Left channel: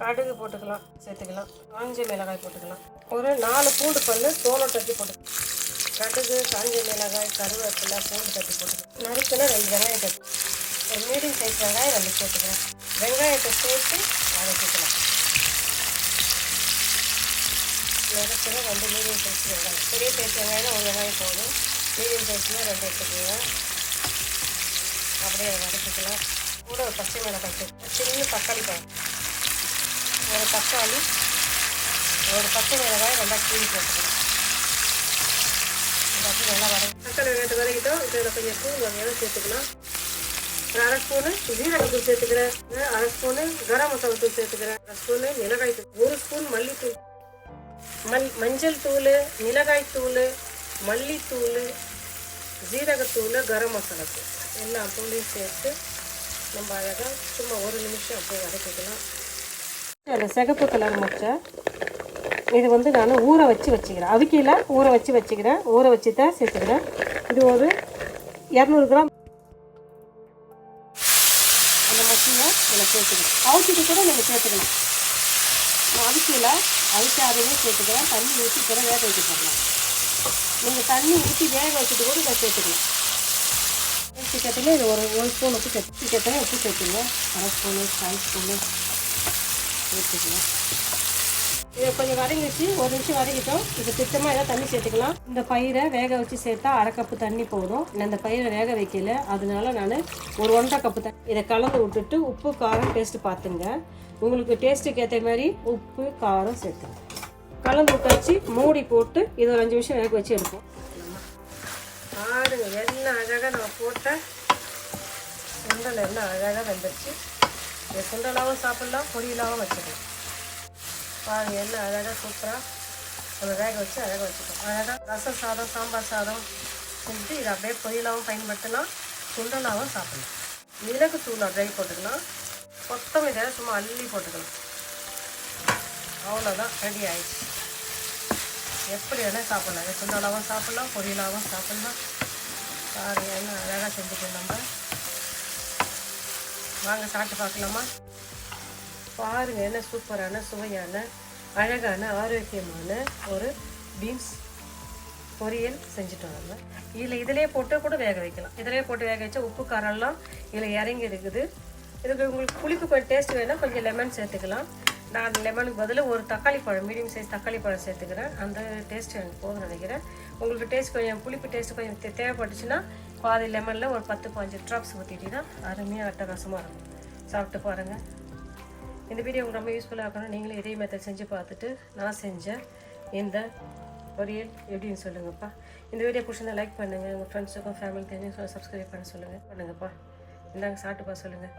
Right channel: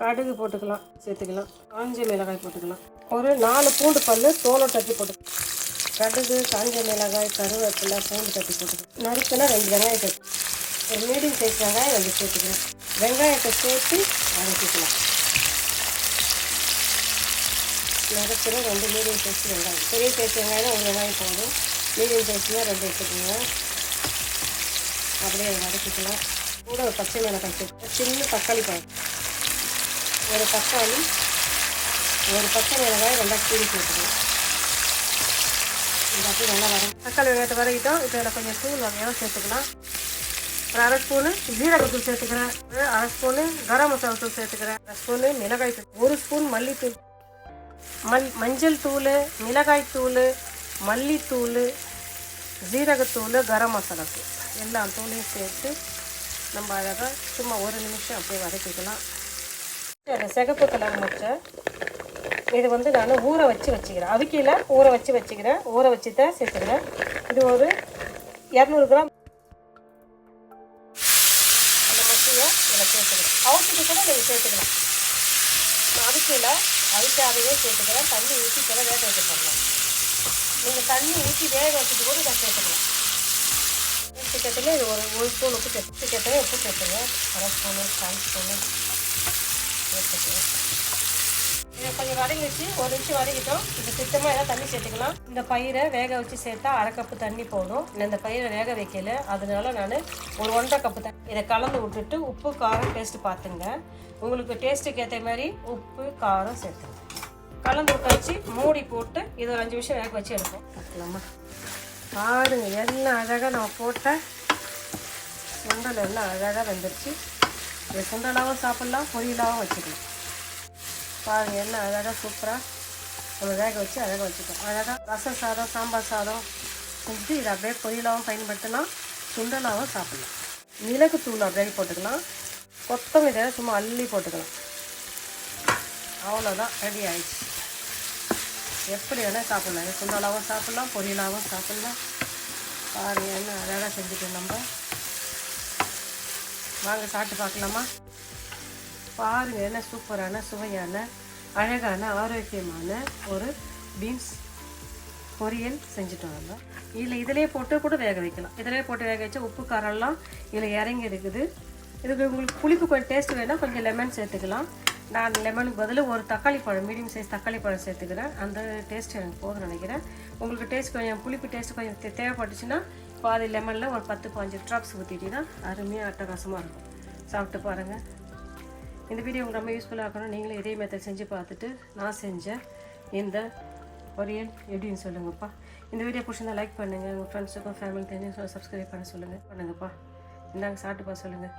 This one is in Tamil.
கடுகு போட்டுக்கலாம், சேர்த்துக்கலாம். காஞ்ச மிளகாய் போட்டுக்கலாம். ஒரு 4 பூண்டு பல் தோலை தட்டி போட்டுக்கலாம். கடுகு, காஞ்ச மிளகாய், கருவேப்பிலை, பூண்டு தட்டி போட்டுக்கலாம். நறுக்குன்னா 2 வெங்காயத்தை, ஒரு மீடியம் சைஸ் வெங்காயம் 2 சேர்த்துக்கலாம். வெங்காயத்தை சேர்த்து வதக்கிக்கலாம். நறுக்குன்னா 2 மீடியம் சைஸ் வெங்காயம். பெரிய சைஸ் வெங்காயம் 1 வெங்காயம் போதும். மீடியம் சைஸ்னால் 2 எடுத்துக்கலாம். அப்படியே வதக்கிக்கலாம். கூட ஒரு பச்சை மிளகாய் சேர்த்து, சின்ன தக்காளி பழம், ஒரு தக்காளி, ஒரு பச்சை மிளகாய் நல்லா கீழே போட்டுக்கலாம். இது அப்படி நல்லா தக்காளி வெங்காயத்தை வதக்கிட்டோம். இப்போ இதில் கொஞ்சம் தூள் வகையாக சேர்த்துக்கலாம். ஒரு 1/2 ஸ்பூனு ஜீரகத்தூள் சேர்த்துக்கிறேன். 1/2 ஸ்பூனு கரம் மசாலா தூள் சேர்த்துக்கிறேன். 1 ஸ்பூனு மிளகாய் தூள், 1 ஸ்பூன் மல்லித்தூள், மஞ்சள் தூள், மிளகாய் தூள், மல்லித்தூள், ஜீரகத்தூள், கரம் மசாலா தூள், எல்லா தூளையும் சேர்த்து நம்ம அழகாக சும்மா 1 நிமிஷம் அப்படியே வதக்கிக்கலாம். அந்த சிகப்பு கலர் முச்சை இது வந்து நான் ஊற வச்சு வச்சுக்கிறேன். அவிக்கையில் ஊற வச்சு வச்சுக்கிறேன். ஊற வச்சு தான் சேர்த்துக்கிறேன். இது ஒரு 200 கிராம். அந்த மசியை இதில் சேர்த்துக்கிறேன். அவிச்சிட்டு கூட நீங்கள் சேர்த்துக்கலாம். நான் அவிக்கையில் அவிக்காதையே சேர்த்துக்கிறேன். தண்ணி ஊற்றி கூட வேக வைக்க போடலாம். நீங்கள் தண்ணி ஊற்றி வேக வச்சுட்டு கூட இதை சேர்த்துக்கலாம். சிக்கத்தில் இது ஒரு ஸ்பூன் உப்பு சிக்கத்தில் உப்பு சேர்த்துங்க. 1/2 ஸ்பூனு, 1/4 ஸ்பூனு சேர்த்துக்கலாம். இதை கொஞ்சம் வதங்கிச்சு, 1 நிமிஷம் வதக்கிட்டோம். இது சுத்தமாக ஏதாவது தண்ணி சேர்த்துக்கலாம். இந்த பயிரை வேக வச்சு சேர்த்தா 1/2 கப்பு தண்ணி போதும். நான் இந்த பயிரை வேக வைக்கல, அதனால நான் ஒரு 1/2 கப்பு தண்ணி இதை கலந்து விட்டுட்டு உப்பு காரம் டேஸ்ட்டு பார்த்துங்க. உங்களுக்கு டேஸ்ட்டுக்கு ஏற்ற மாதிரி உப்பு காரம் சேர்த்துங்க. கலந்து விட்டாச்சு, மூடி போட்டு இது ஒரு 5 நிமிஷம் வேக வச்சு எடுப்போம். நம்ம பாருங்க என்ன அழகாக நம்ம போட்ட சுண்டல் எல்லாம் அழகாக வந்துடுச்சு. இது சுண்டலாகவும் சாப்பிட்லாம், பொரியலாகவும் வச்சுக்கலாம். பாருங்கள் என்ன அழகாக சூப்பராக நம்ம வேக வச்சு அழகாக வச்சுக்கோம். அழகாக ரசம் சாதம், சாம்பார் சாதம் செஞ்சு இதை அப்படியே பொரியலாகவும் பயன்படுத்தலாம், சுண்டலாகவும் சாப்பிடலாம். மிளகு தூள் அப்படியே போட்டுக்கலாம். கொத்தமல்லி சும்மா அள்ளி போட்டுக்கலாம். அவ்வளோதான், ரெடி ஆயிடுச்சு. எப்படி வேணால் சாப்பிட்லாம். இதை சுண்டலாகவும் சாப்பிட்லாம், பொரியலாகவும் சாப்பிட்லாம். பாருங்கள் என்ன அழகாக செஞ்சுக்கலாம். நம்ம வாங்க சாப்பிட்டு பார்க்கலாமா? பாருங்கள் என்ன சூப்பரான, சுவையான, அழகான, ஆரோக்கியமான ஒரு பீன்ஸ் பொரியல் செஞ்சுட்டோம். நம்ம இதிலே போட்டு கூட வேக வைக்கலாம். இதிலே போட்டு வேக வச்சா உப்பு காரம்லாம் இதில் இறங்கி இருக்குது. இதுக்கு உங்களுக்கு புளிப்பு கொஞ்சம் டேஸ்ட் வேணால் கொஞ்சம் லெமன் சேர்த்துக்கலாம். நான் லெமனுக்கு பதில் ஒரு தக்காளி பழம், மீடியம் சைஸ் தக்காளி பழம் சேர்த்துக்கிறேன். அந்த டேஸ்ட் எனக்கு போதும்னு நினைக்கிறேன். உங்களுக்கு டேஸ்ட் கொஞ்சம் புளிப்பு டேஸ்ட்டு கொஞ்சம் தேவைப்பட்டுச்சுன்னா பாதி லெமனில் ஒரு 10-15 ட்ராப்ஸ் ஊற்றிட்டிங்கன்னா அருமையாக அட்டகாசமாக இருக்கும். சாப்பிட்டு பாருங்கள். இந்த வீடியோ உங்களுக்கு ரொம்ப யூஸ்ஃபுல்லாக இருக்கணும். நீங்களும் இதே மெத்தட் செஞ்சு பார்த்துட்டு நான் செஞ்ச இந்த பொரியல் எப்படின்னு சொல்லுங்கப்பா. இந்த வீடியோ பிடிச்சிருந்தா லைக் பண்ணுங்கள். உங்கள் ஃப்ரெண்ட்ஸுக்கும் ஃபேமிலி தெரிஞ்சு சப்ஸ்கிரைப் பண்ண சொல்லுங்கப்பா. இந்தாங்க சாப்பிட்டுப்பா சொல்லுங்கள்.